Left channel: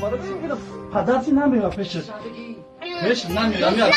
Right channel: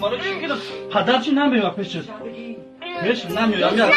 numara çıkıyor. Padarcı ne yapıyor peşin? Peşin ne yapıyor? Amca.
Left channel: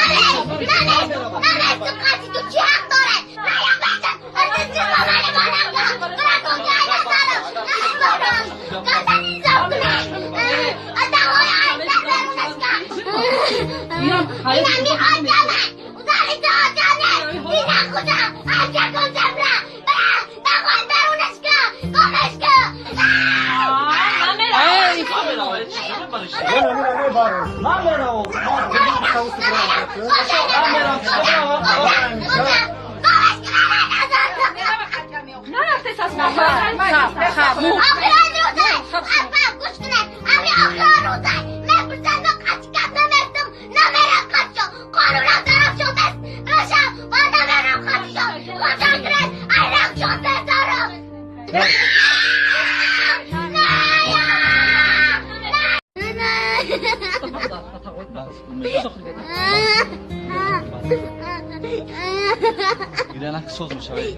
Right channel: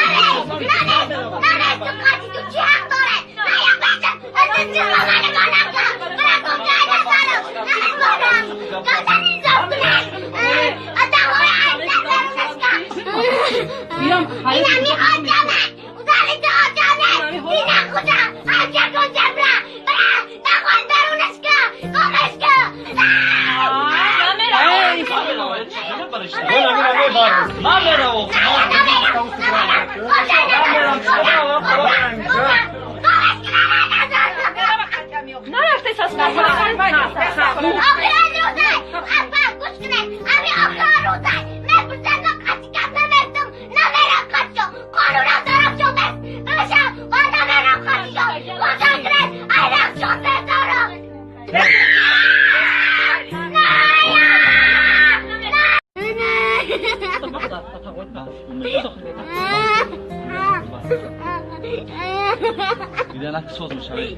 Gidenak sozmuş abi.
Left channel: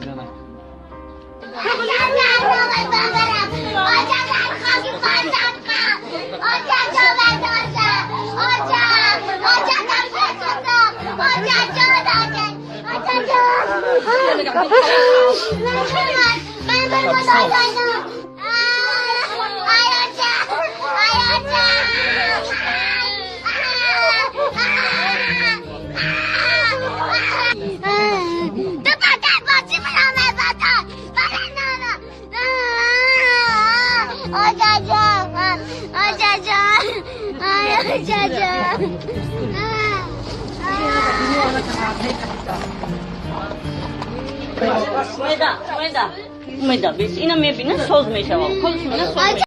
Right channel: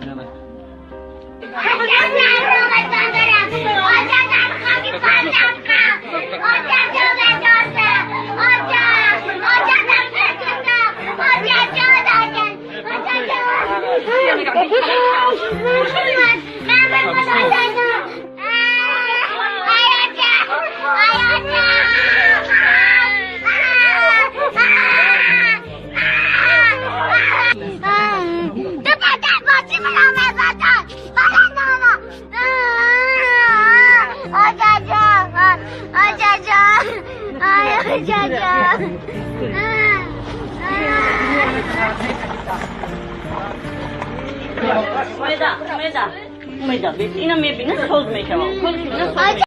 Gidenak. Umeda, bes ina me bina soz me shawa. Kol shuna soz.